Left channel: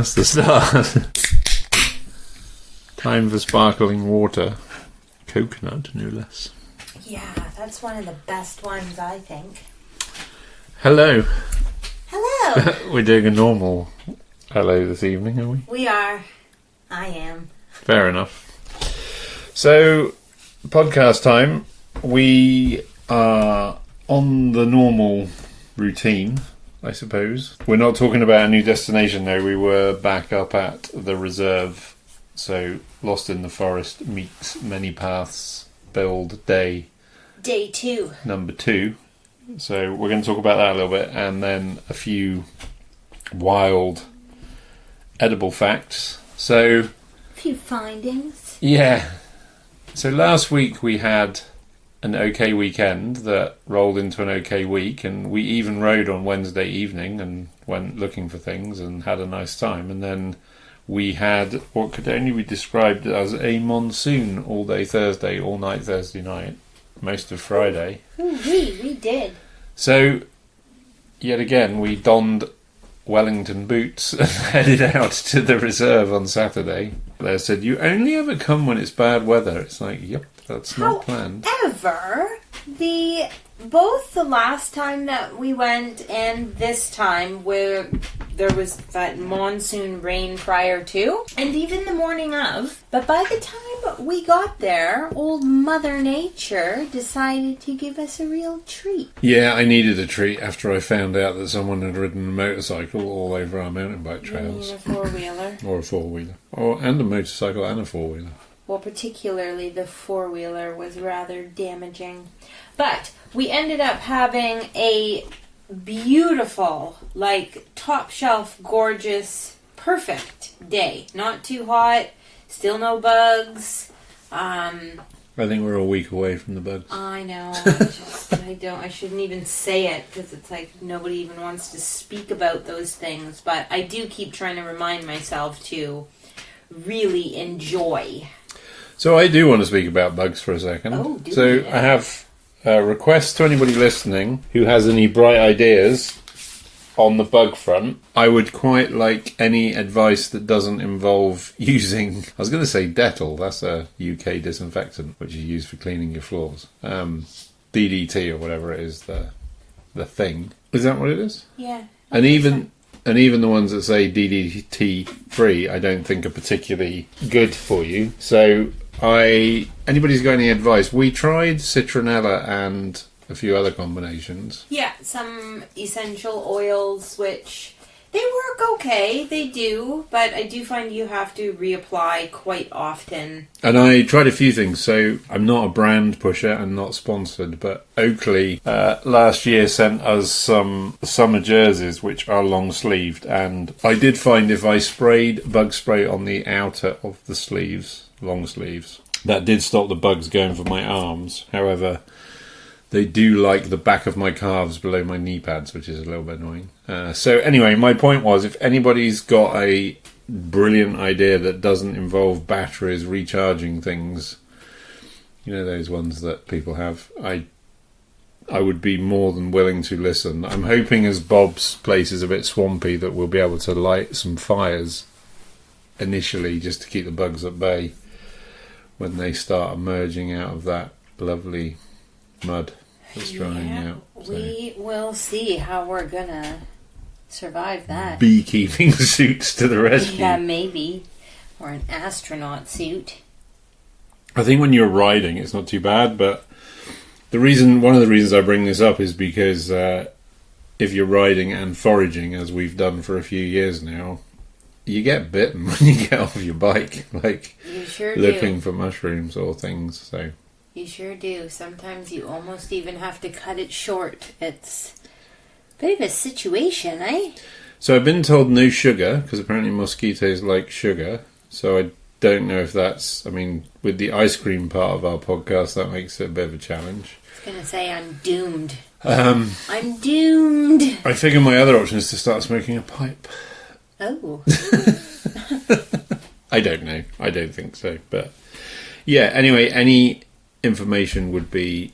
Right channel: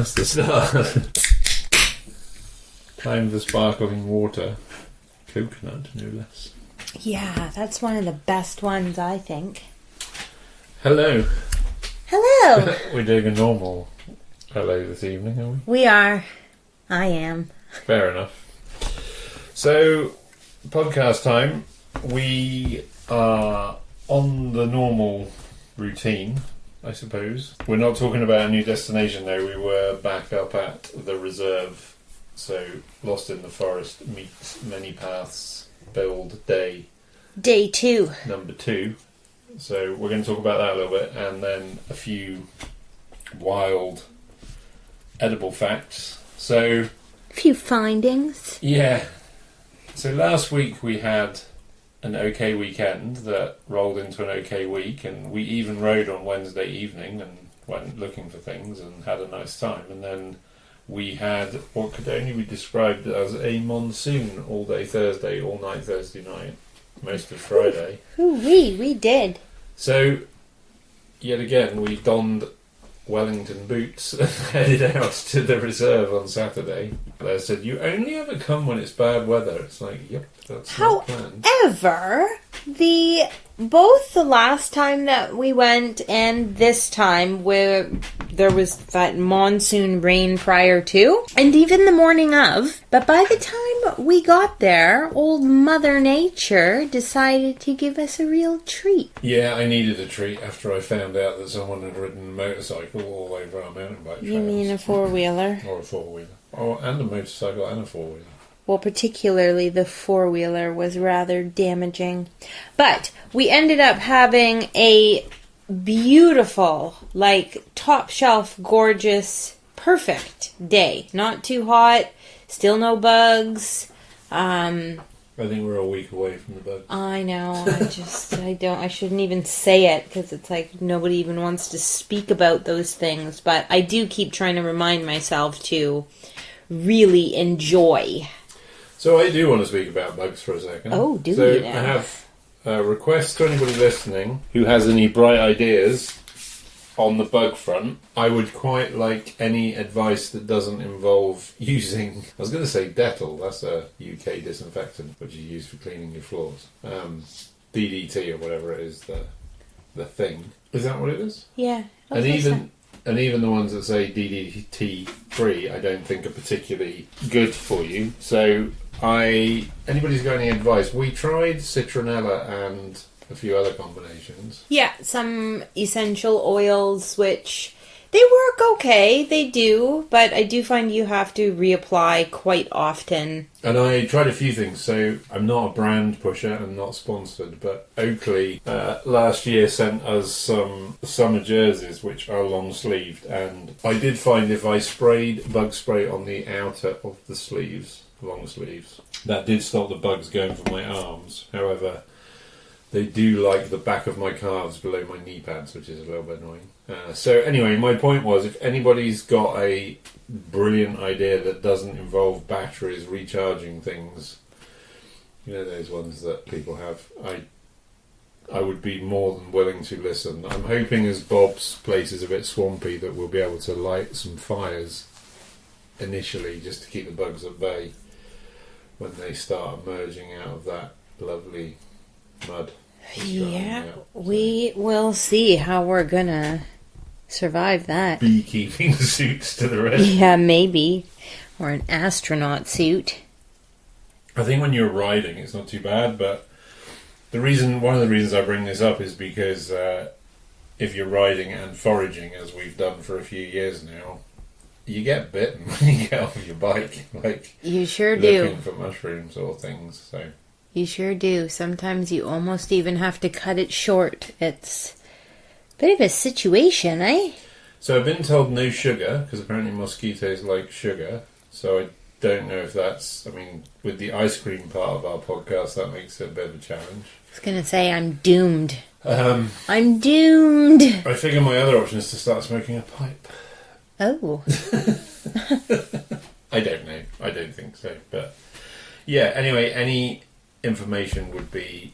That's the start. Time for sparkling water. Coconut, no less. Yeah, that's one of the best ones, I think. Hello. Hello! We're doing a normal hello this evening, are we? We are. I am. Fair enough. So, podcast time. We are on the normal routine, I suppose. We're not talking about a new destination though. We were back up at the reserve. So, Lost in the Forest meets Many Paths build day. Day 2. Number 2. So, we're going to talk about that a little bit. And then a few wild edible facts. So, A few findings. yeah. So last week we had an okay weekend that rolled into an okay week, and we even rode on Wednesday evening and went looking for things and had a nice time. And then we had what could only be described as a monsoon all day Thursday, all night Thursday night, most of Friday. We did. So, yet again, we donned Wellington boots and headed out to the reserve on Saturday. They said, you only ever come when it's bad weather. It's like, yep, that's not planned. However, both the last time that we went and this time where there was that monsoon rain prior to, and even the morning of, but by the time we got there, old Mother Nature decided to give us a real treat. Yeah, I needed a treat after I found out that someone had ridden a motorcycle all over our mountain bike You trails. mean a four-wheeler? Or a four-wheeler. And a motorcycle and a four-wheeler. Well, particularly the four-wheeler was rather damaging. But we ended up having a beautiful, like, top-shelf, gorgeous, perfect day. Not too hot, still no bugs. I think we're a week away from the bugs. I know, I shouldn't even say it, because it's like nobody even wants to speak about those things. But I do keep trying to remind myself to really enjoy. So I do want to speak about bugs for a second. Oh, do So you? I have a request to anybody listening who has any bright ideas on the bug front. I would quite like any advice that doesn't involve using, I was going to say Dettol, that's a UK disinfectant which is used for cleaning your floors. DDT or whatever it is, the thing. Is that what it is? Yeah. And even the ones that say DDT free, I don't think are particularly good for you. So anybody's got any advice? We tried citronella and a few other combinations. Yeah, some essential oils, which they work okay, they do, but I do find you have to reapply quite often. And I tried a few things, so I'm not a brand pusher and not sponsored, but Oakley last year sent us some summer jerseys which are long sleeved, and I did find if I sprayed bug spray on the outer of the sleeves, long sleeves, that did stop the bugs going for my arms. However, they do like the back of my calves below my knee pads, which is a little bit annoying. So anyway, my point was, if anybody's got a brilliant idea that doesn't involve batteries, recharging things, you know, those ones that people have, I would be more than willing to listen. I'm hoping as Bob's place is a bit swampy that we'll be able to light some fires initially just to keep the bugs at bay when they start emerging out of that lovely mud. Yeah, we will see how we're gonna survive that. Beekeeping suits to the rescue. Yeah, maybe. Or an astronaut suit. I think when you're riding, it's not too bad, but one of the reasons I bring this up is because if you're riding and foraging, as we've done for a few years now, you get bitten when you get off your bike, like You sure looking do. for mushrooms or things. So You sure do. Sometimes you almost even have to cut it short. It's a bit of a situation, eh? So I've been told no sugar, because apparently mosquitoes like sugar. So I don't know if that's, I mean, with the ice cream part of our podcast, that makes it a bit of a challenge. I was gonna say I'm doomed. I'm doomed. I figure my other option is to start smoking a pipe. Oh. I don't know. I don't think so. But yeah, anyway, any information would be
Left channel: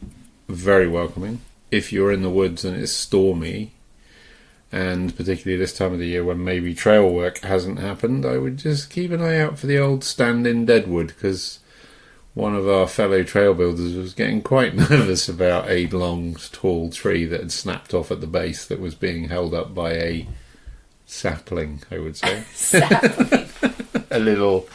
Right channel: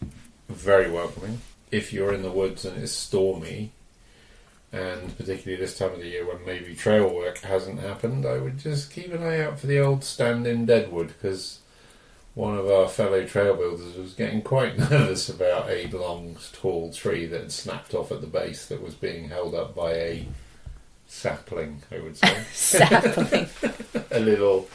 very welcoming. If you're in the woods and it's stormy, And particularly this time of the year when maybe trail work hasn't happened, I would just keep an eye out for the old stand-in deadwood, because one of our fellow trail builders was getting quite nervous about a long, tall tree that had snapped off at the base that was being held up by a sapling, I would say. Sapling. A little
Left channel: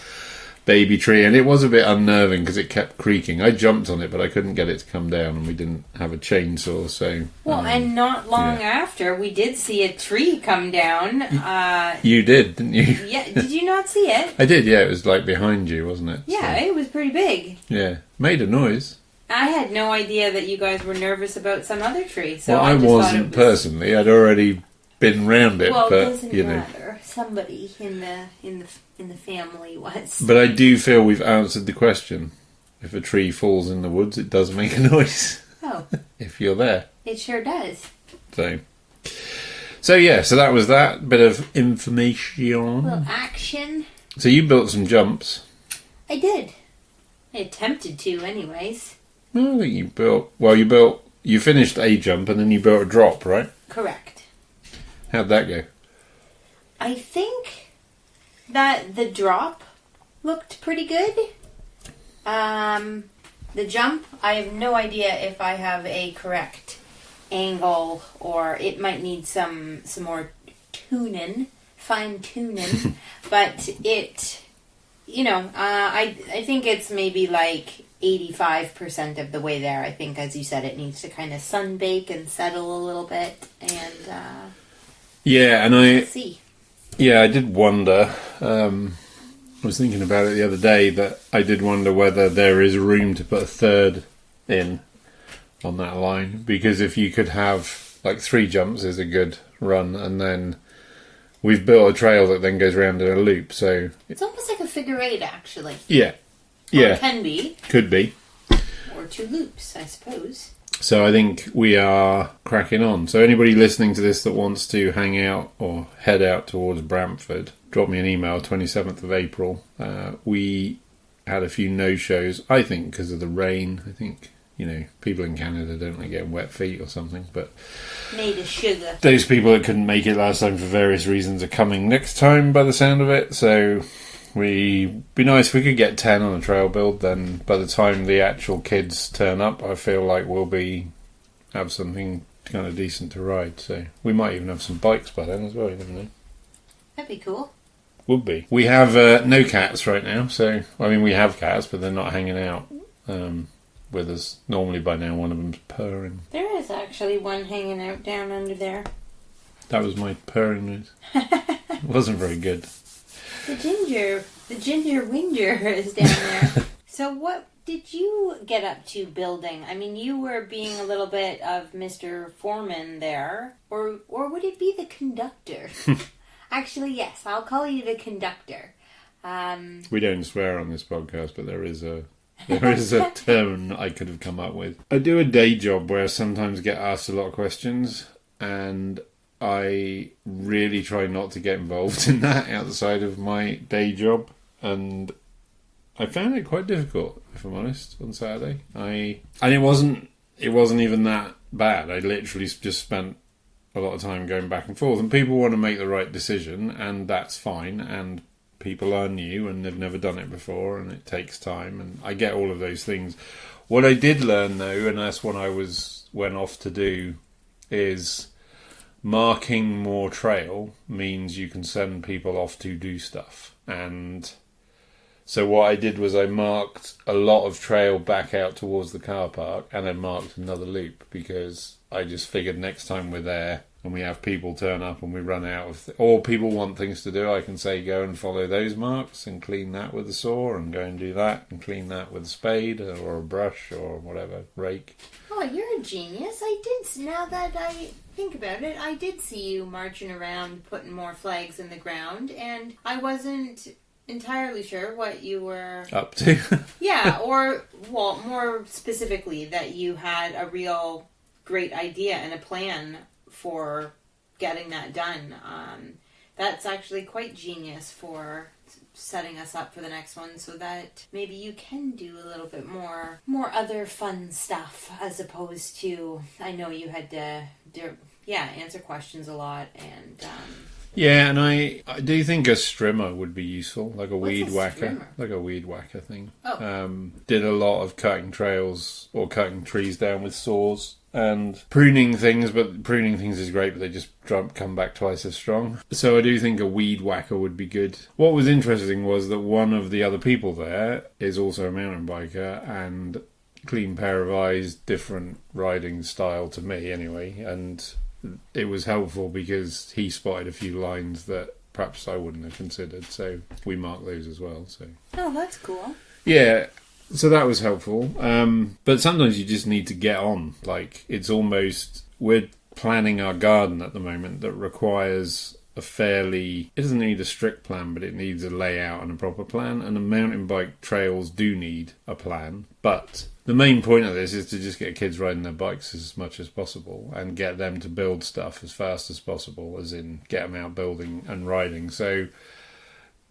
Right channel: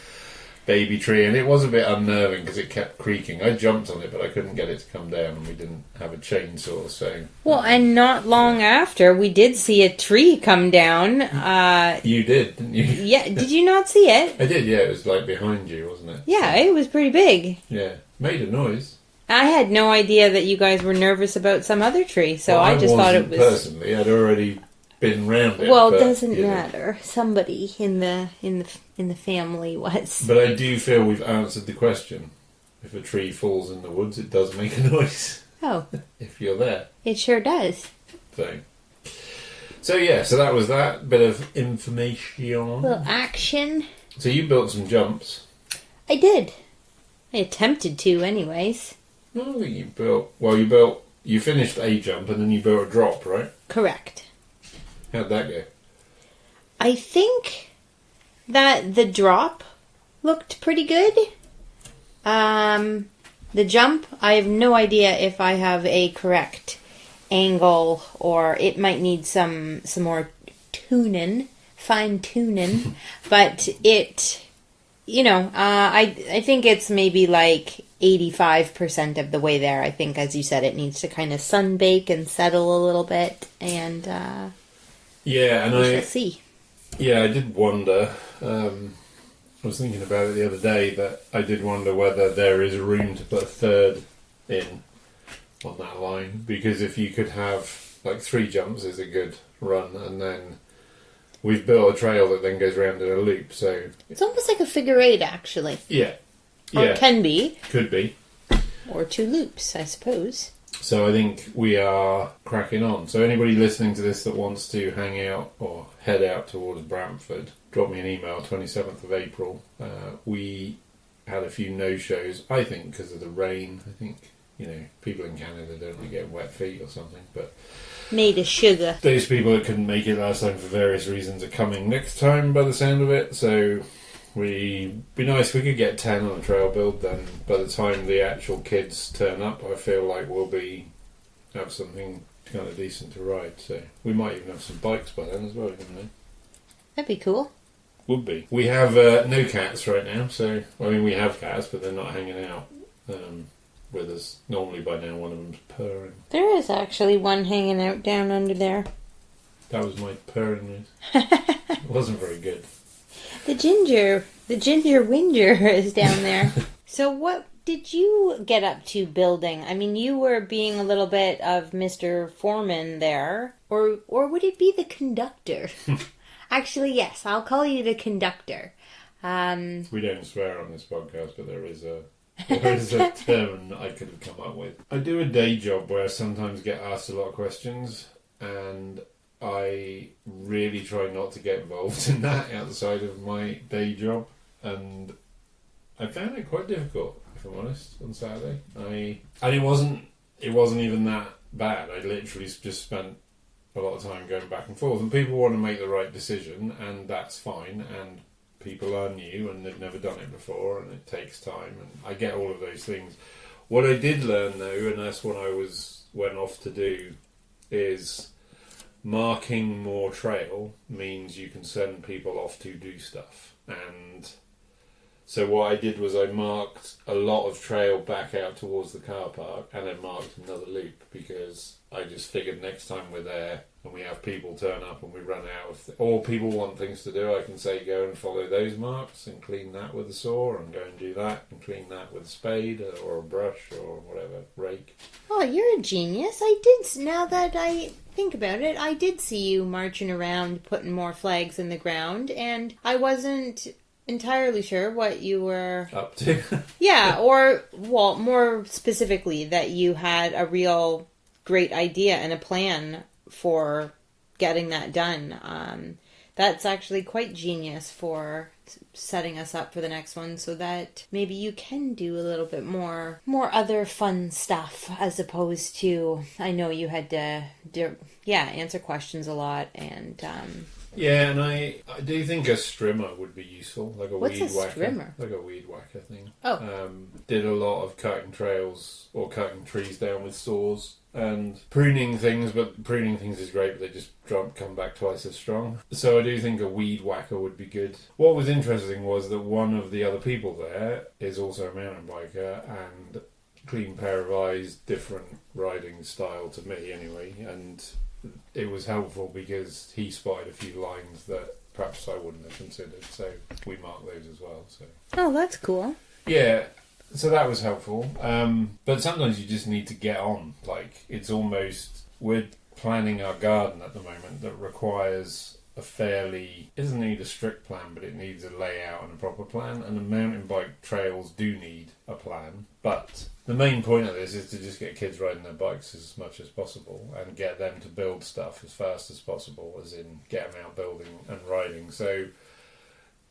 baby tree, and it was a bit unnerving because it kept creaking. I jumped on it, but I couldn't get it to come down, and we didn't have a chainsaw, so... Well, and not long after, we did see a tree come down. You did, didn't you? Yeah, did you not see it? I did, yeah. It was like behind you, wasn't it? Yeah, it was pretty big. Yeah. Made a noise. I had no idea that you guys were nervous about some other tree, so Well, I just thought it wasn't was... personally. I'd already been round it. Well, but, it doesn't you know. matter. Somebody in the family was. But I do feel we've answered the question. If a tree falls in the woods, it does make a noise. Oh, If you're there. it sure does. So yeah, so that was that bit of information. Little action. So you built some jumps. I did. I attempted to, anyways. I think you finished a jump and then you built a drop, right? Correct. How'd that go? I think that the drop looked pretty good. The jump, I have no idea if I have a correct angle, or it might need some more fine tuning. But it, I think it's maybe like 85% of the way there. I think, as you said, it needs to kind of sunbake and settle a little bit, and Yeah, and we'll see. I did wonder. I was thinking about it the other day that I did wonder whether there is room to put a third in on that line, because if you could have like 3 jumps is a good run, and then we've built a trail that then goes round in a loop. So It's almost like a figure 8, actually. yeah, Or it can be. could be. Or 2 loops, I suppose. So I think we are cracking on. So anybody listening to this that wants to hang out or head out towards Brantford, drop me an email, 27th of April. We had a few no-shows, I think, because of the rain. I think, people in Canada don't like getting wet feet or something. But Made of sugar. those people that couldn't make it last time for various reasons are coming next time by the sound of it. So it'd be nice if we could get 10 on a trail build. Then by the time the actual kids turn up, I feel like we'll have something kind of decent to ride. So we might even have some bikes by then as well, you never know. That'd be cool. Would be. We have no cats right now, so we have cats, but they're not hanging out with us. Normally by now one of them's purring. There is actually one hanging out down under there. That was my purring noise. It wasn't very good. The ginger whinger is down there. So what did you get up to building? I mean, you were being a little bit of Mr. Foreman there, or would it be the conductor? Actually, yes, I'll call you the conductor. We don't swear on this podcast, but there is a term I could have come up with. I do a day job where I sometimes get asked a lot of questions, and I really try not to get involved in that outside of my day job, and I found it quite difficult, if I'm honest, on Saturday. And it wasn't even that bad. I literally just spent a lot of time going back and forth, and people want to make the right decision, and that's fine, and people are new and they've never done it before, and it takes time, and I get all of those things. What I did learn though, and that's what I went off to do, is marking more trail means you can send people off to do stuff. And so what I did was I marked a lot of trail back out towards the car park, and then marked another loop, because I just figured next time we're there and we have people turn up and we run out of or people want things to do, I can say go and follow those marks and clean that with a saw, and go and do that and clean that with a spade or a brush or whatever, rake. Oh, you're a genius. Now that I think about it, I did see you marching around putting more flags in the ground, and I wasn't entirely sure what you were Up to. Yeah, or, well, more specifically, that you had a real great idea and a plan for getting that done. That's actually quite genius for setting us up for the next one, so that maybe you can do a little bit more other fun stuff, as opposed to, I know you had to answer questions a lot. And Yeah, and I do think a strimmer would be useful, like a What's weed a whacker, strimmer? like a weed whacker thing. Oh. Did a lot of cutting trails or cutting trees down with saws and pruning things, but pruning things is great, but they just come back twice as strong. So I do think a weed whacker would be good. What was interesting was that one of the other people there is also a mountain biker and clean pair of eyes, different riding style to me anyway, and it was helpful because he spotted a few lines that perhaps I wouldn't have considered, so we marked those as well. So Oh, that's cool. yeah, so that was helpful. But sometimes you just need to get on. Like, it's almost, we're planning our garden at the moment that requires a fairly, it doesn't need a strict plan, but it needs a layout and a proper plan, and the mountain bike trails do need a plan. But the main point of this is to just get kids riding their bikes as much as possible and get them to build stuff as fast as possible, as in get them out building and riding. So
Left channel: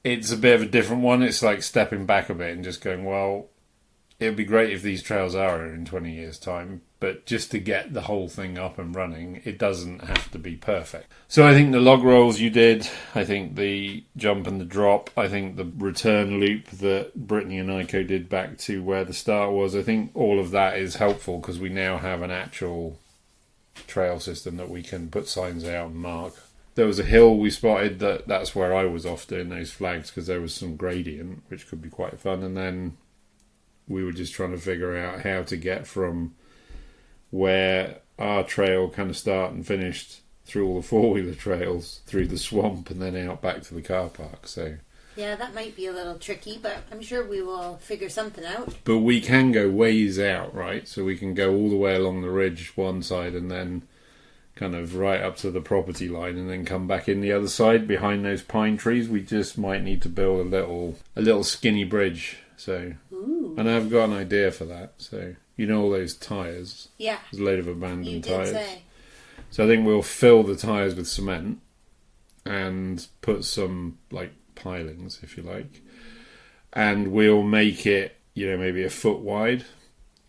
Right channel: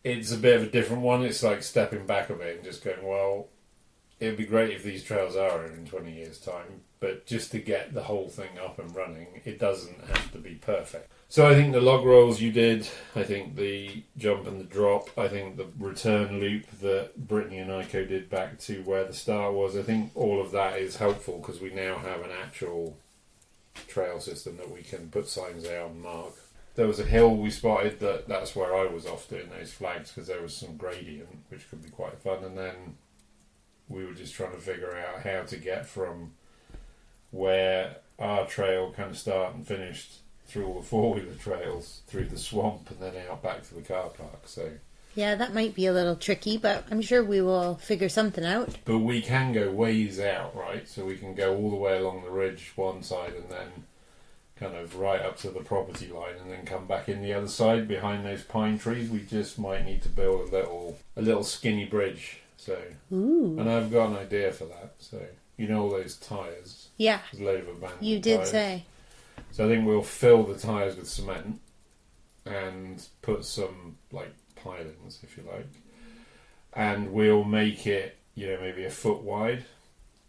it's a bit of a different one. It's like stepping back a bit and just going, well, it would be great if these trails are in 20 years' time, but just to get the whole thing up and running, it doesn't have to be perfect. So I think the log rolls you did, I think the jump and the drop, I think the return loop that Brittany and Iko did back to where the start was, I think all of that is helpful because we now have an actual trail system that we can put signs out and mark. There was a hill we spotted that's where I was off doing those flags because there was some gradient, which could be quite fun, and then we were just trying to figure out how to get from where our trail kind of started and finished through all the four-wheeler trails, through the swamp, and then out back to the car park. So Yeah, that might be a little tricky, but I'm sure we will figure something out. But we can go ways out, right? So we can go all the way along the ridge one side and then kind of right up to the property line and then come back in the other side behind those pine trees. We just might need to build a little skinny bridge. So, Ooh. And I've got an idea for that. So, you know all those tyres? Yeah. There's a load of abandoned You did tyres. say. So I think we'll fill the tyres with cement and put some, like, pilings, if you like. And we'll make it, maybe a foot wide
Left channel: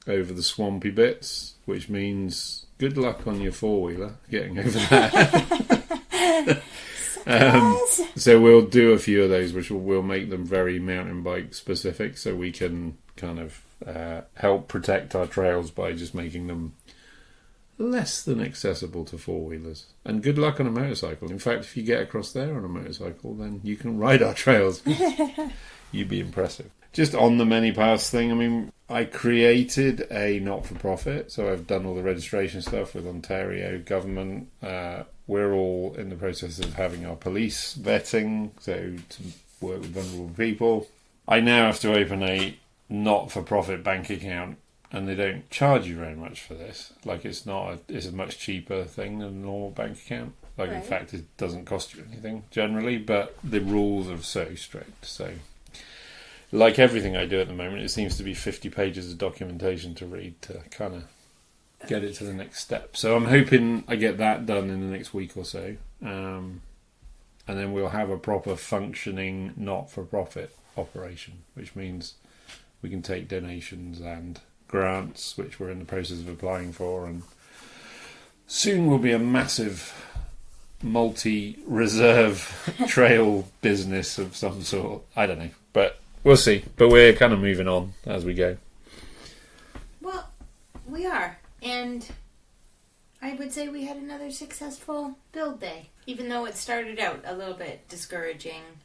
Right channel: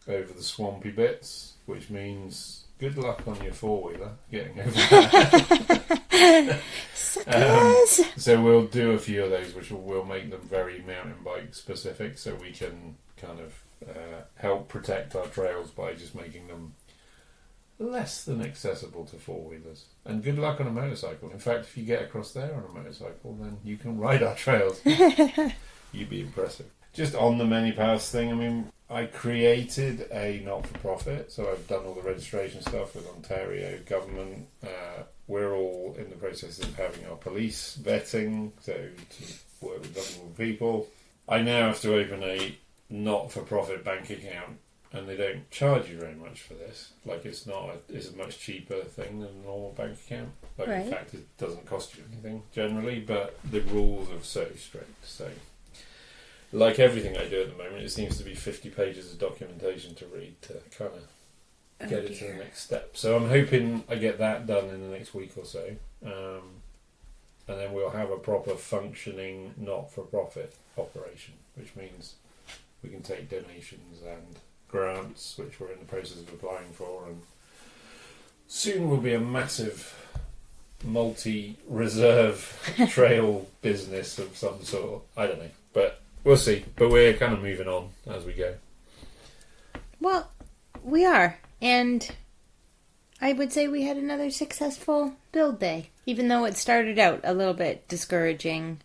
over the swampy bits, which means good luck on your four-wheeler getting over that. So we'll do a few of those, which we'll make them very mountain bike specific, so we can kind of help protect our trails by just making them less than accessible to four-wheelers. And good luck on a motorcycle. In fact, if you get across there on a motorcycle, then you can ride our trails. You'd be impressive. Just on the many paths thing, I mean, I created a not-for-profit, so I've done all the registration stuff with Ontario government. We're all in the process of having our police vetting, so to work with vulnerable people. I now have to open a not-for-profit bank account, and they don't charge you very much for this. Like, it's a much cheaper thing than a normal bank account. Like, right. In fact, it doesn't cost you anything generally, but the rules are so strict, so... Like everything I do at the moment, it seems to be 50 pages of documentation to read to kind of get it to the next step. So I'm hoping I get that done in the next week or so. And then we'll have a proper functioning not-for-profit operation, which means we can take donations and grants, which we're in the process of applying for. And soon will be a massive multi-reserve trail business of some sort. I don't know, but... We'll see, but we're kind of moving on as we go. Well, we are, and I would say we had another successful build day, even though it started out a little bit discouraging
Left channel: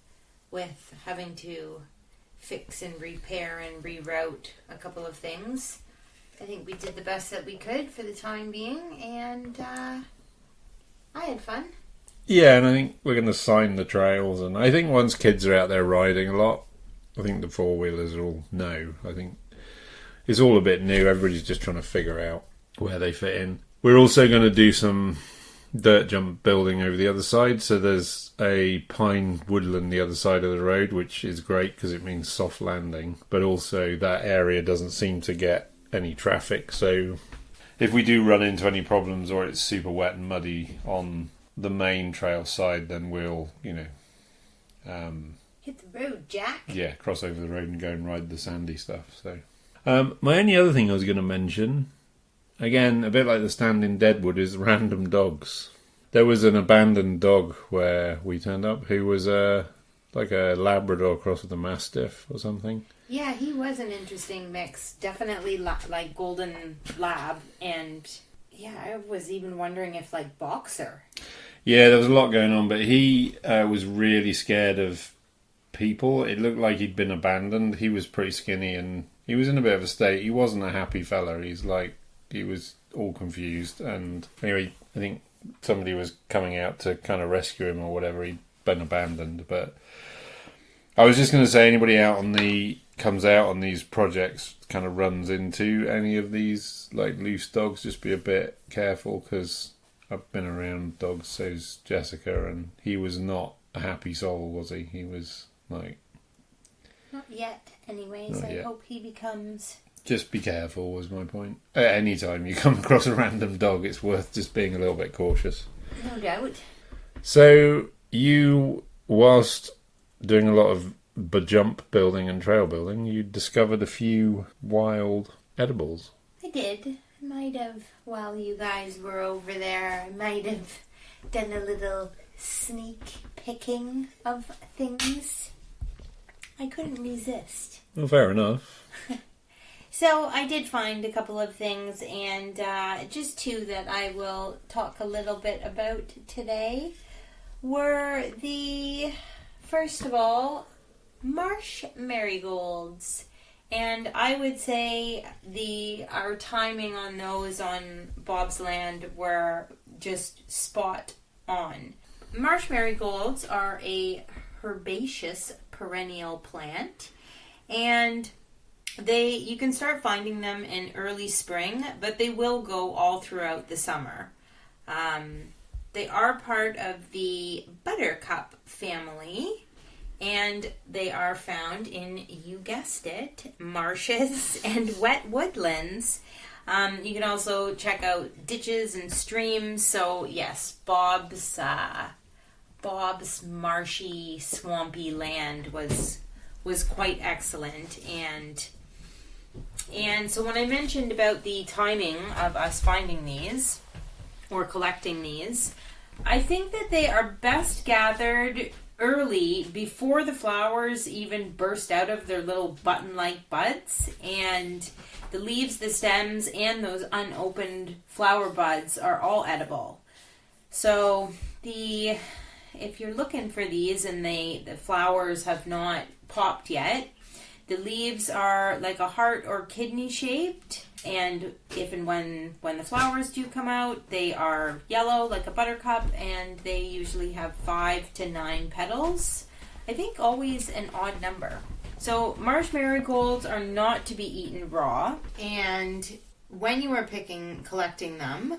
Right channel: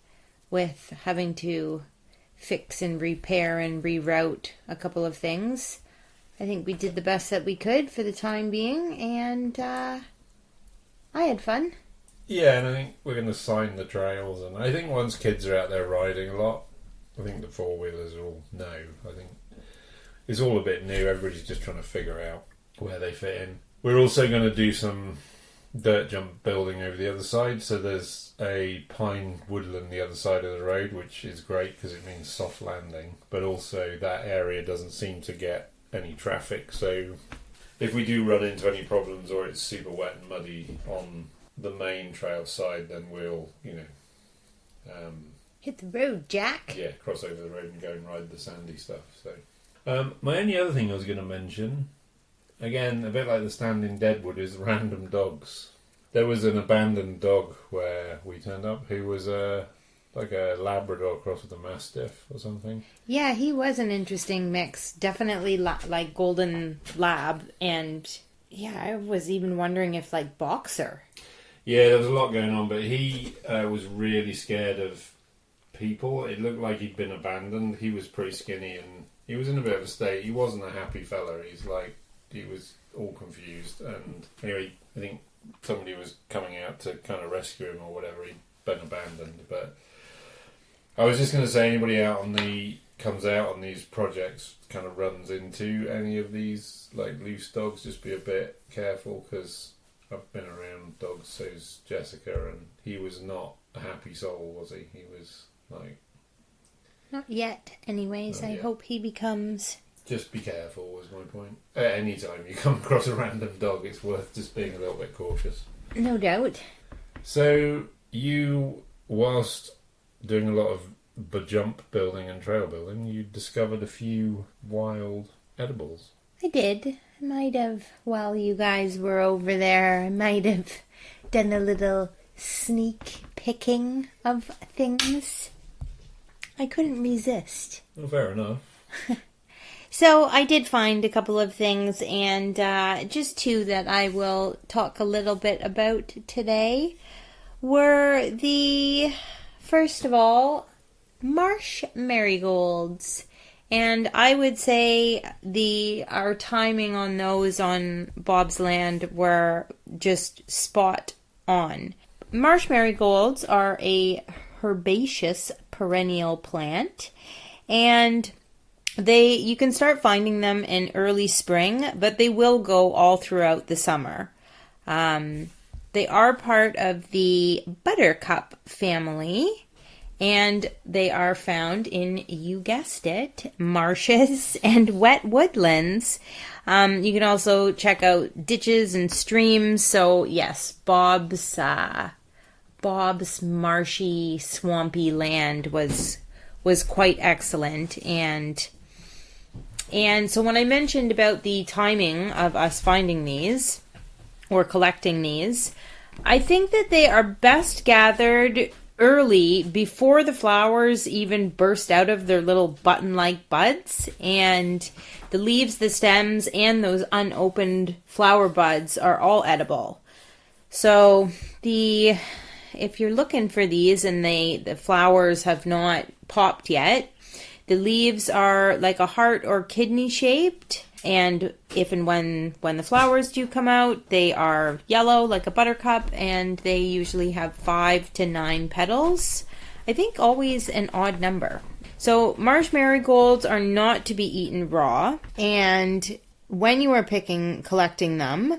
with having to fix and repair and reroute a couple of things. I think we did the best that we could for the time being, and I had fun. Yeah, and I think we're going to sign the trails, and I think once kids are out there riding a lot, I think the four-wheelers will know. I think it's all a bit new. Everybody's just trying to figure out where they fit in. We're also going to do some dirt jump building over the other side. So there's a pine woodland the other side of the road, which is great because it means soft landing. But also that area doesn't seem to get any traffic. So if we do run into any problems or it's super wet and muddy on the main trail side, then we'll, Hit the road, Jack. yeah, cross over the road and go and ride the sandy stuff. So, my only other thing I was going to mention again, a bit like the stand in Deadwood, is random dogs. There was an abandoned dog where we turned up who was like a Labrador cross with a Mastiff or something. Yeah, he was an interesting mix. Definitely like golden lab, and yeah, I was even wondering if like boxer. Yeah, there was a lot going on, but he was really scared of people. It looked like he'd been abandoned. He was pretty skinny and he was in a bit of a state. He wasn't a happy fella. He was all confused. And anyway, I think somebody was coming out to kind of rescue him or whatever. He'd been abandoned. But I was just going to say, anybody comes out on these projects, kind of runs into any of these like loose dogs, just be a bit careful, because I've been around dogs. So's Jessica, and he was not a happy soul, was he? He was like, not yet. Anyways, Not I yet. hope he becomes. just be careful was my point. At any time you come across a random dog, it's worth just being a little bit cautious. No doubt. So you, whilst doing a lot of jump building and trail building, you discovered a few wild edibles. I did. Might have, while you guys were over there, I might have done a little sneak picking of things. I couldn't resist. Well, fair enough. So I did find a couple of things, and just two that I will talk a little bit about today were first of all, marsh marigolds. And I would say our timing on those on Bob's Land were just spot on. Marsh marigolds are a herbaceous perennial plant, and you can start finding them in early spring, but they will go all throughout the summer. They are part of the buttercup family, and they are found in, you guessed it, marshes and wet woodlands. You can also check out ditches and streams. So yes, Bob's marshy, swampy land was quite excellent. And so when I mentioned about the timing of us finding these or collecting these, I think that they are best gathered early, before the flowers even burst out of their little button-like buds, and the leaves, the stems, and those unopened flower buds are all edible. So if you're looking for these and the flowers have not popped yet, the leaves are like a heart or kidney shaped, and if and when the flowers do come out, they are yellow like a buttercup, and they usually have 5 to 9 petals. I think always an odd number. So marsh marigolds are not to be eaten raw, and when you are collecting them,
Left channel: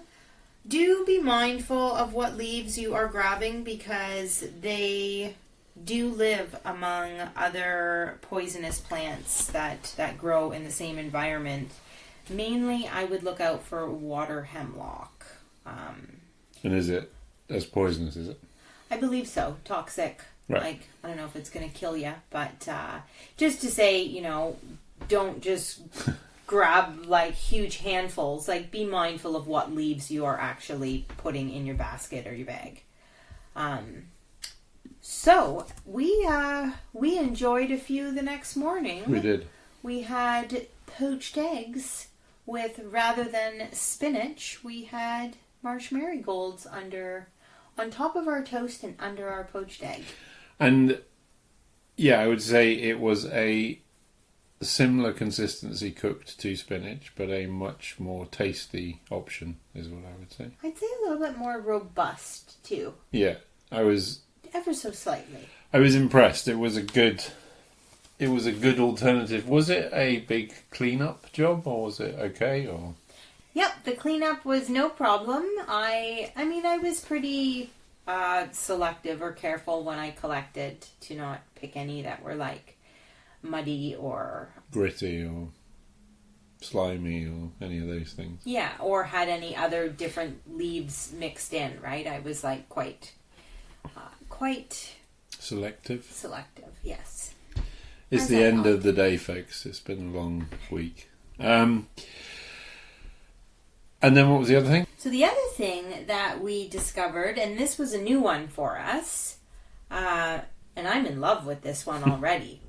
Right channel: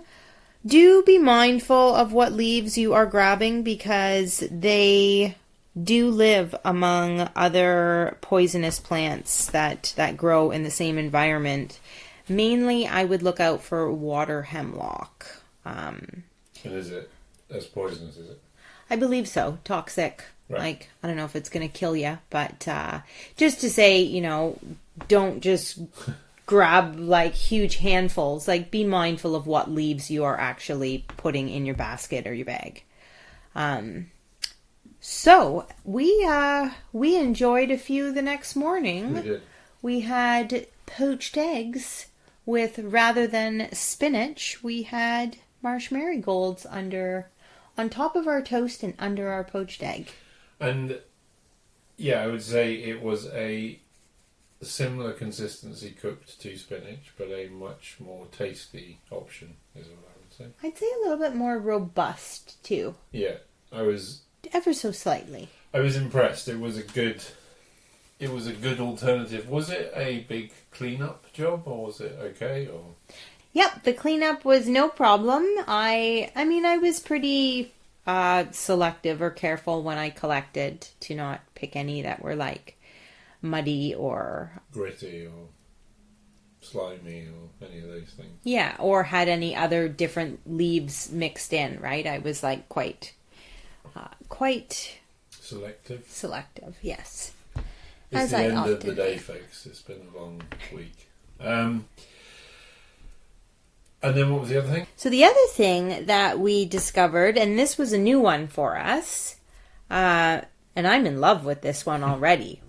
do be mindful of what leaves you are grabbing, because they do live among other poisonous plants that grow in the same environment. Mainly, I would look out for water hemlock. And is it as poisonous, is it? I believe so. Toxic. Right. Like, I don't know if it's going to kill you, but just to say, don't just grab like huge handfuls. Like, be mindful of what leaves you are actually putting in your basket or your bag. So we enjoyed a few the next morning. We did. We had poached eggs with, rather than spinach, we had marsh marigolds on top of our toast and under our poached egg. And yeah, I would say it was a similar consistency cooked to spinach, but a much more tasty option is what I would say. I'd say a little bit more robust too. Yeah, I was Ever so slightly. impressed. It was a good alternative. Was it a big cleanup job, or was it okay? Or Yep, the cleanup was no problem. I was pretty selective or careful when I collected to not pick any that were like muddy or gritty or slimy or any of those things. yeah, or had any other different leaves mixed in, right? I was like quite Selective. yes. It's As the I end of often- the day, folks. It's been a long week. And then what was the other thing? So the other thing that we discovered, and this was a new one for us, and I'm in love with this one already.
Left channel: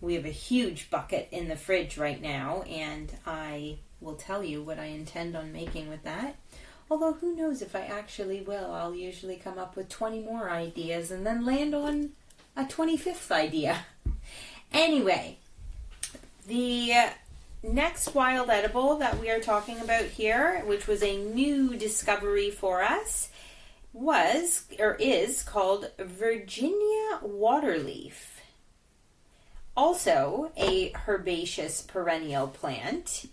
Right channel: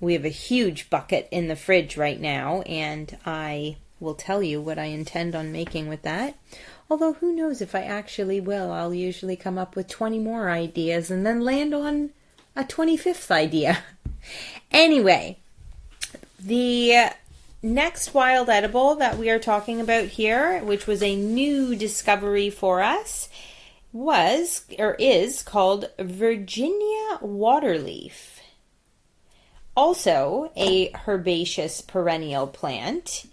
We have a huge bucket in the fridge right now, and I will tell you what I intend on making with that. Although who knows if I actually will. I'll usually come up with 20 more ideas and then land on a 25th idea. Anyway, the next wild edible that we are talking about here, which was a new discovery for us, is called Virginia waterleaf. Also a herbaceous perennial plant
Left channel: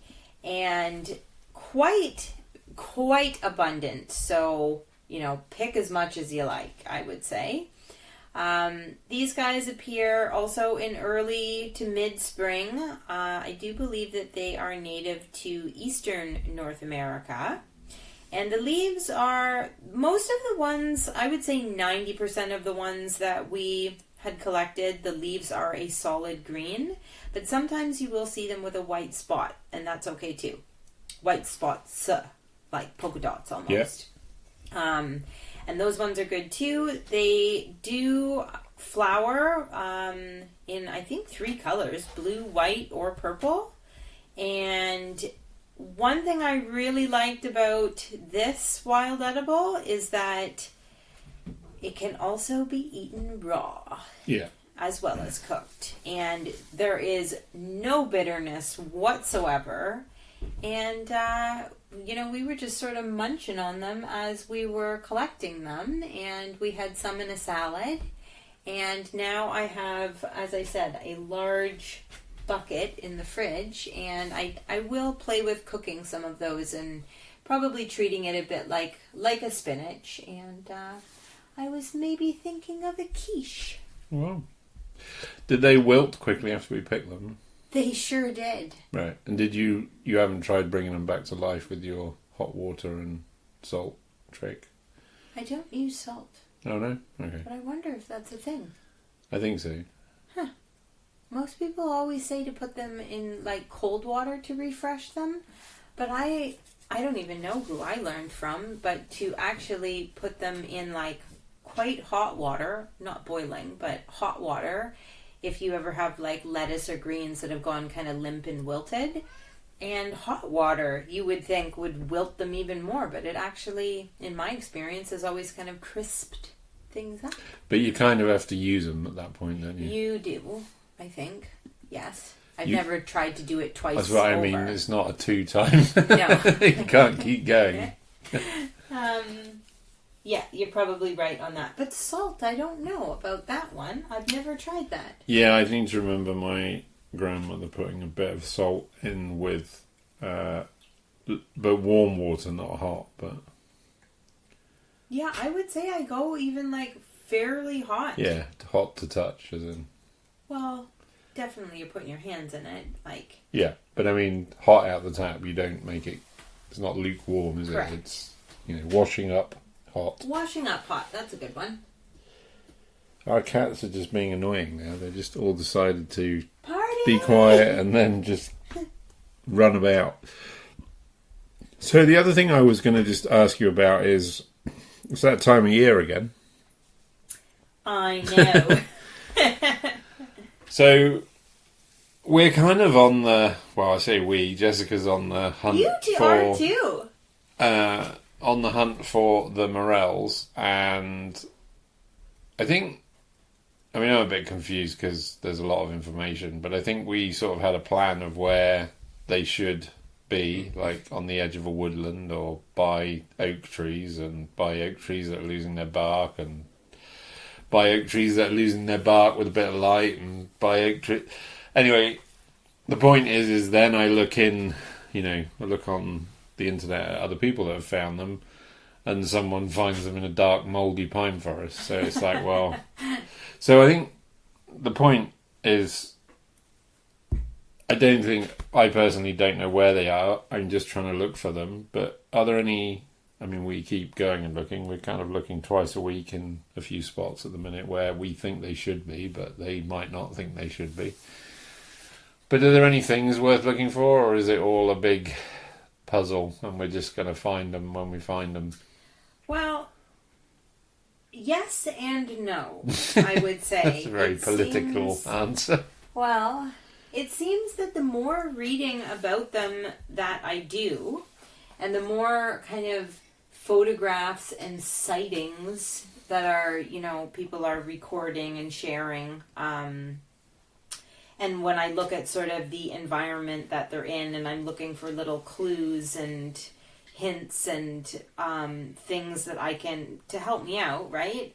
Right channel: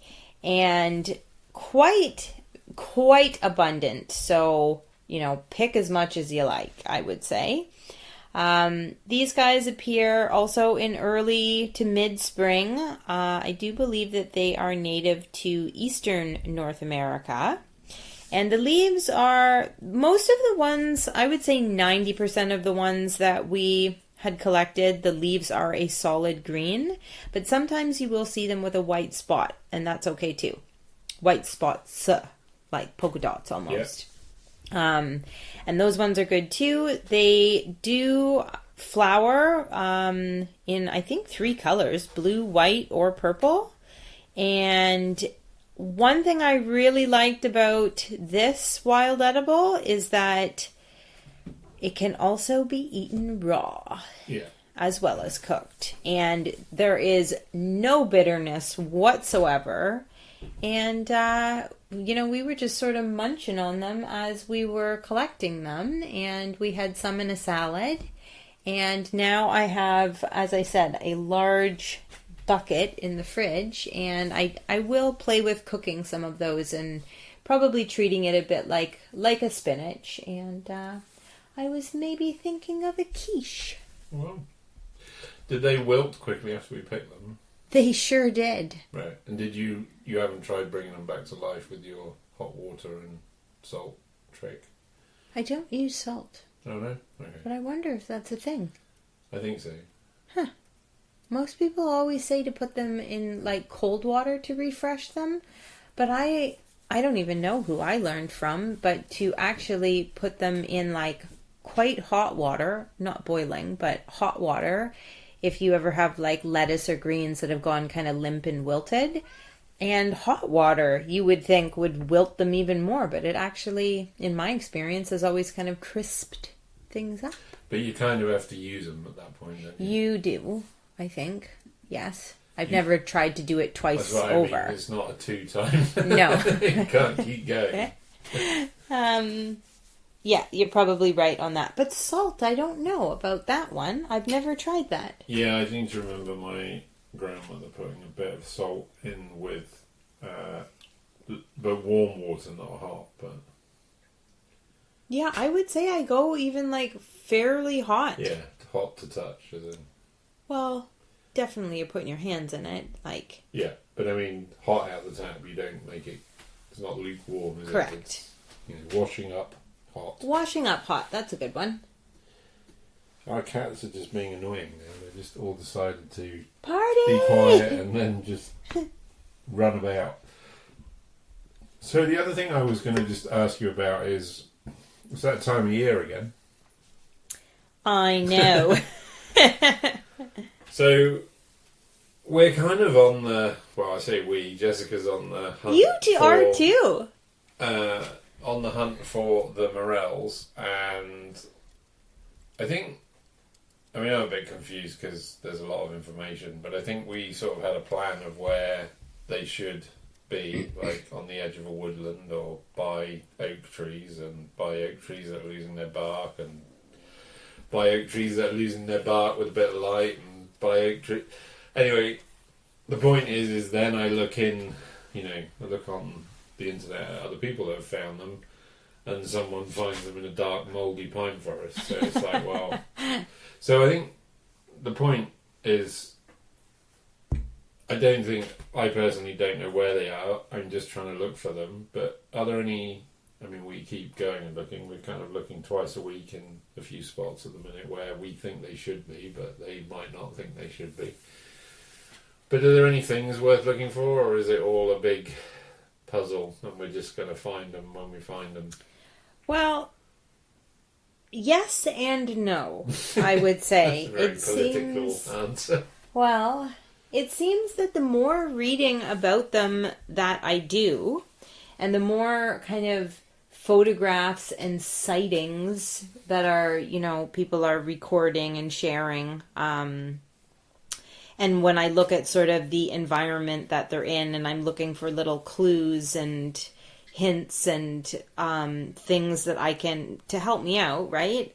and quite abundant. So, pick as much as you like, I would say. These guys appear also in early to mid-spring. I do believe that they are native to eastern North America. And the leaves are, most of the ones, I would say 90% of the ones that we had collected, the leaves are a solid green. But sometimes you will see them with a white spot, and that's okay too. White spots, like polka dots almost. Yeah. And those ones are good too. They do flower in, I think, 3 colors, blue, white, or purple. And one thing I really liked about this wild edible is that it can also be eaten raw. Yeah. As well as cooked. And there is no bitterness whatsoever. And, we were just sort of munching on them as we were collecting them. And we had some in a salad. And now I have, as I said, a large bucket in the fridge. And I will play with cooking some of those and probably treating it a bit like a spinach. And I was maybe thinking of a quiche. Wow. Did they wilt quickly after we picked them? They sure did. Right. And did you haven't tried bringing them back to life with your hot water and salt trick? I don't use salt. Oh, no? Okay. But I wonder if that's a thing. I think so. Huh. Most people always say to put them in, cold water to refresh them. But I don't even know who I learned from. But to actually put them in, quite hot water, not boiling, but hot water, if you ever have lettuce or greens that have gone kind of limp and wilted. And hot water, you would think, would wilt them even more. But it actually, in my experience, has always kind of crisped things up. But you kind of have to use them at that point, don't you? You do, I think. Yes. I've never tried to do it twice over. That's what I mean. It's not a 2-time. No. You can't keep going. Yeah, you're probably right on that. But salt, I don't know about that one. I've never tried that. Yeah, I seem to remember my grandmother putting a bit of salt in with, but warm water, not hot. But yeah, I would say I go even fairly hot. Yeah, hot to touch, as in. Well, definitely you're putting your hands in it, Yeah, but I mean, hot out the tap. You don't make it. It's not lukewarm, is correct. it? It's washing up. Hot. Washing up hot. That's a good one. Our cats are just being annoying now. They just all decided to Party! be quiet and then just run about. So the other thing I was going to just ask you about is, it's that time of year again. I know. So we're kind of on the, I say we, Jessica's on the hunt. You two are too. On the hunt for the morels, and I'm a bit confused because there's a lot of information, but I think we sort of had a plan of where they should be, on the edge of a woodland or by oak trees, and by oak trees that are losing their bark, and by oak trees that are losing their bark with a bit of light, and by oak trees. Anyway, the point is then I look I look on the internet at other people that have found them, and someone finds them in a dark mouldy pine forest. So it's so I think the point is, I personally don't know where they are. I'm just trying to look for them. But are there any, we keep going and looking. We're kind of looking twice a week in a few spots at the minute where we think they should be, but they might not think they should be. But are there any things worth looking for, or is it all a big puzzle and we're just going to find them when we find them? Well, yes and no, I would say. That's a very political answer. Well, it seems that the more reading about them that I do, and the more kind of photographs and sightings that are, people are recording and sharing, and when I look at sort of the environment that they're in, and I'm looking for little clues and hints and things that I can to help me out, right?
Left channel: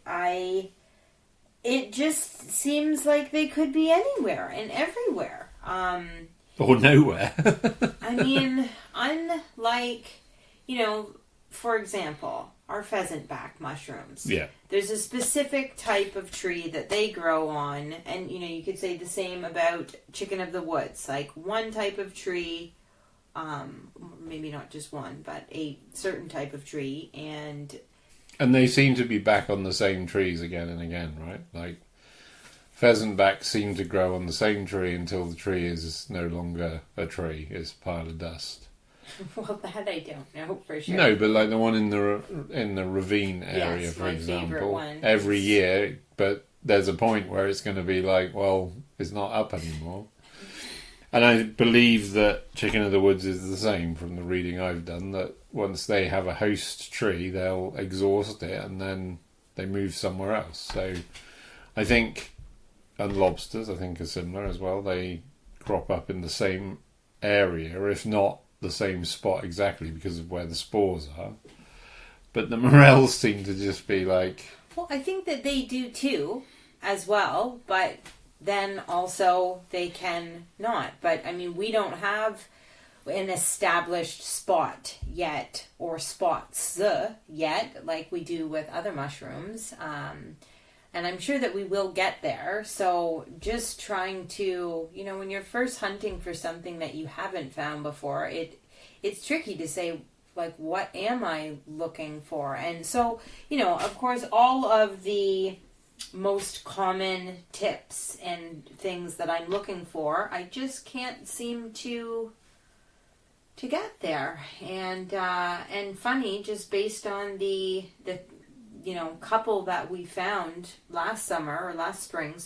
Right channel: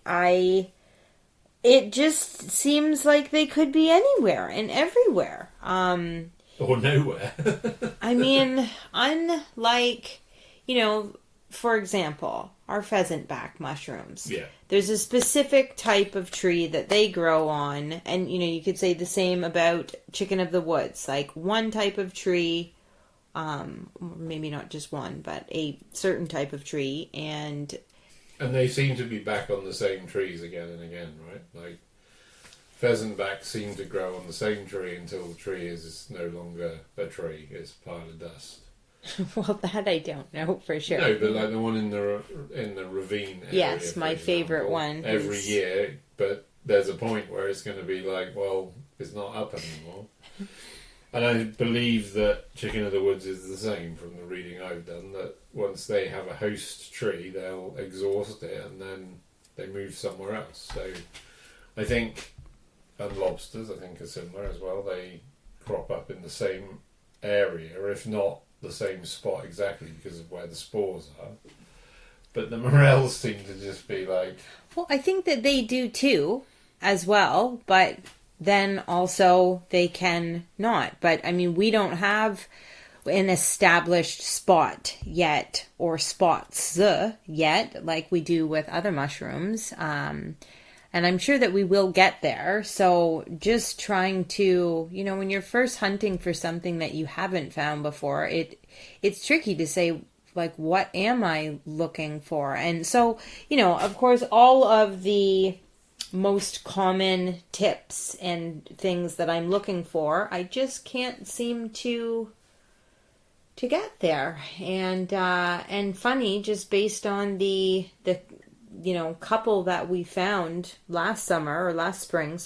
It just seems like they could be anywhere and everywhere. Or nowhere. I mean, unlike, for example, our pheasant back mushrooms. Yeah. There's a specific type of tree that they grow on, and you could say the same about chicken of the woods. Like one type of tree, maybe not just one, but a certain type of tree, and they seem to be back on the same trees again and again, right? Like pheasant backs seem to grow on the same tree until the tree is no longer a tree; it's a pile of dust. Well, that I don't know for sure. No, but like the one in the ravine area. Yes, for my example, favorite one. Every year, but there's a point where it's going to be like, well, it's not up anymore. And I believe that Chicken of the Woods is the same from the reading I've done, that once they have a host tree, they'll exhaust it and then they move somewhere else. So I think, and lobsters I think are similar as well, they crop up in the same area, if not the same spot exactly because of where the spores are. But the morels seem to just be like... Well, I think that they do too, as well, but then also they can not. But, I mean, we don't have an established spot yet, or spots yet, like we do with other mushrooms. And I'm sure that we will get there. So just trying to, when you're first hunting for something that you haven't found before, it's tricky to say, like, what am I looking for? And so, of course, all of the most common tips and things that I'm looking for, I just can't seem to get there. And funny, just based on the couple that we found last spring,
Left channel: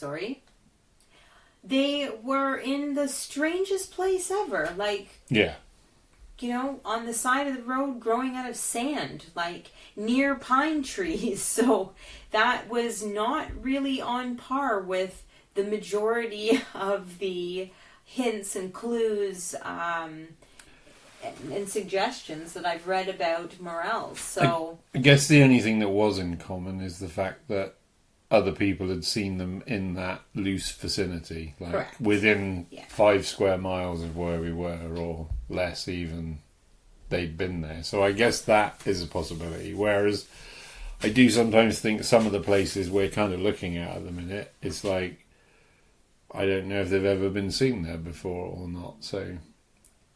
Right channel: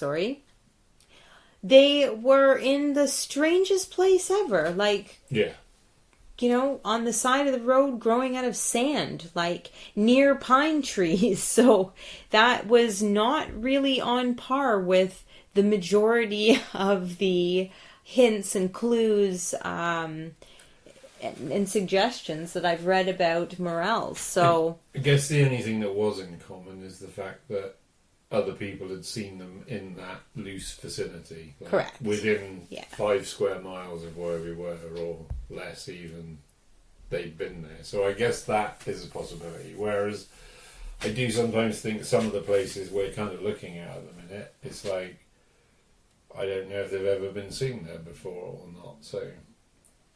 they were in the strangest place ever. Like, yeah, on the side of the road growing out of sand, like near pine trees. So that was not really on par with the majority of the hints and clues, and suggestions that I've read about morels. So I guess the only thing that was in common is the fact that other people had seen them in that loose vicinity, like correct, within 5 square miles of where we were, or less even. They'd been there, so I guess that is a possibility. Whereas I do sometimes think some of the places we're kind of looking at the minute, it's like I don't know if they've ever been seen there before or not. So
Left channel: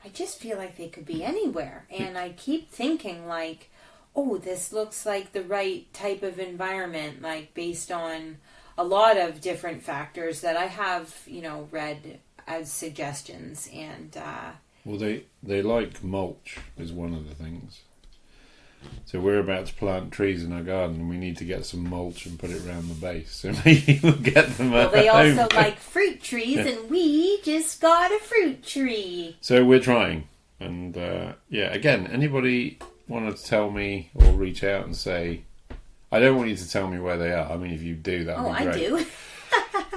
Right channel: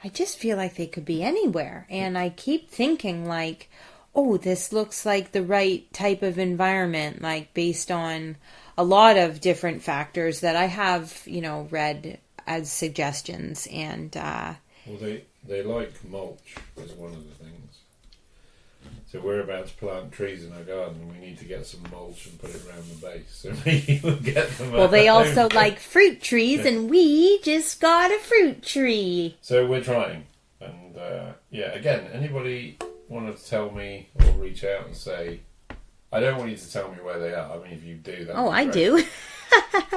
I just feel like they could be anywhere. And I keep thinking like, oh, this looks like the right type of environment, like based on a lot of different factors that I have, read as suggestions. And, well, they like mulch is one of the things. So we're about to plant trees in our garden and we need to get some mulch and put it around the base. So maybe we'll get them. Well, they also like fruit trees, and we just got a fruit tree. So we're trying. And again, anybody want to tell me or reach out and say, I don't want you to tell me where they are. I mean, if you do that. Oh, I do.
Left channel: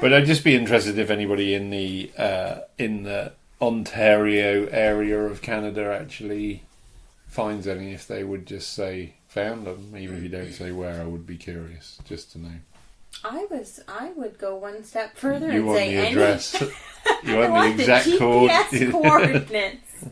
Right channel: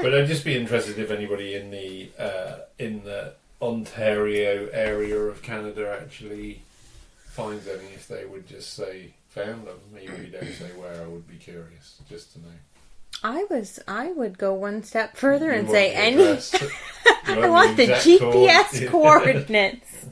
But I'd just be interested if anybody in the Ontario area of Canada actually finds any, if they would just say found them. Even if you don't say where, I would be curious just to know. I would go one step further and want say the any. address. You I want the GPS coordinates.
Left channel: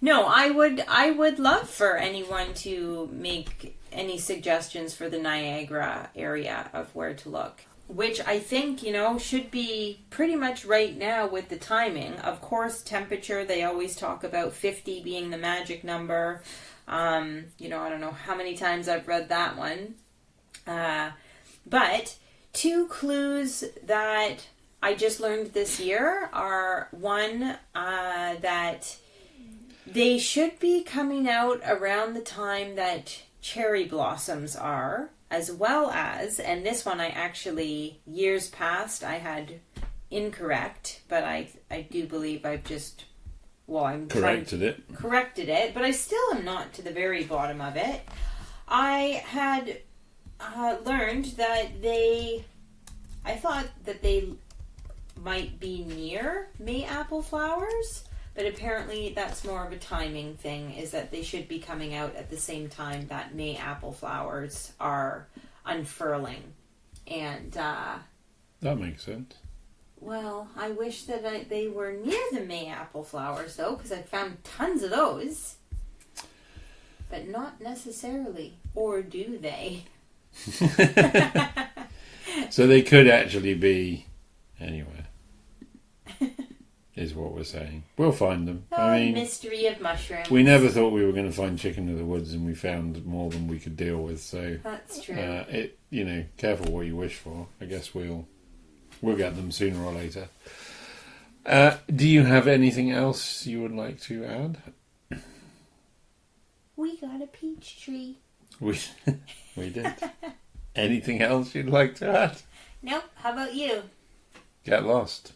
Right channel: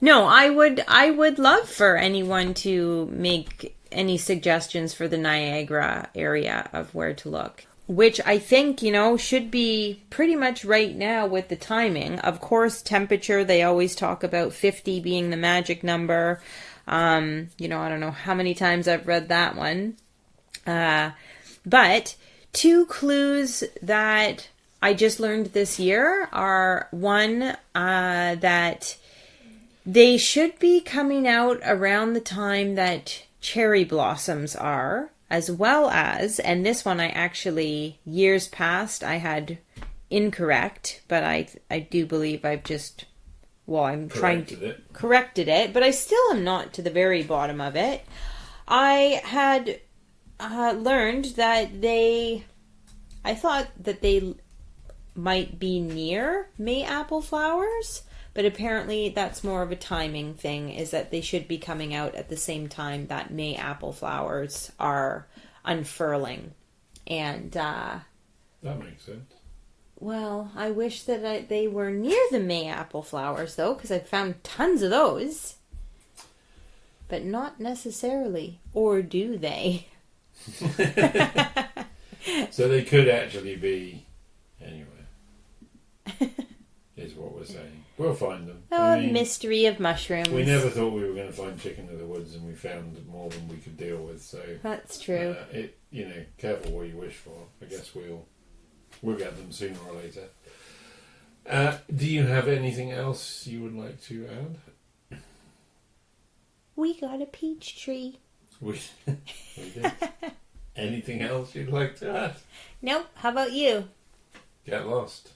No, I would love for anyone to make any suggestions for the Niagara area of where to look. Which I think, should be pretty much right now with the timing. Of course, temperature, they always talk about 50 being the magic number. I don't know how many times I've read that one. But 2 clues that I just learned this year are one, that They should be coming out around the time that cherry blossoms are, as well as, and this one I actually, years past, I had incorrect, but I do believe I've just, I'm corrected it, but I still am not to the very bottom of it. I had learned that I thought that they might be near May apple flowers, but apparently that's more of a timing thing, is that they should be coming out at the same time that May apple flowers are unfurling. And that makes sense. Well, I wish that they were near the May apple flowers, though, because I've found tons of those. But not necessarily. Or do they? So they could actually be anywhere, is what we're saying. We'll find them. Mystery of mushrooms. We never thought we were going to find chicken of the woods, and we found more than we could deal with. So that's true. Careful what you wish for. I guess we'll get them sooner or later. Do you have anything else you would like to add? We got a peach tree. We did. Anything else you'd like to add? Nope. How about you? Get lost.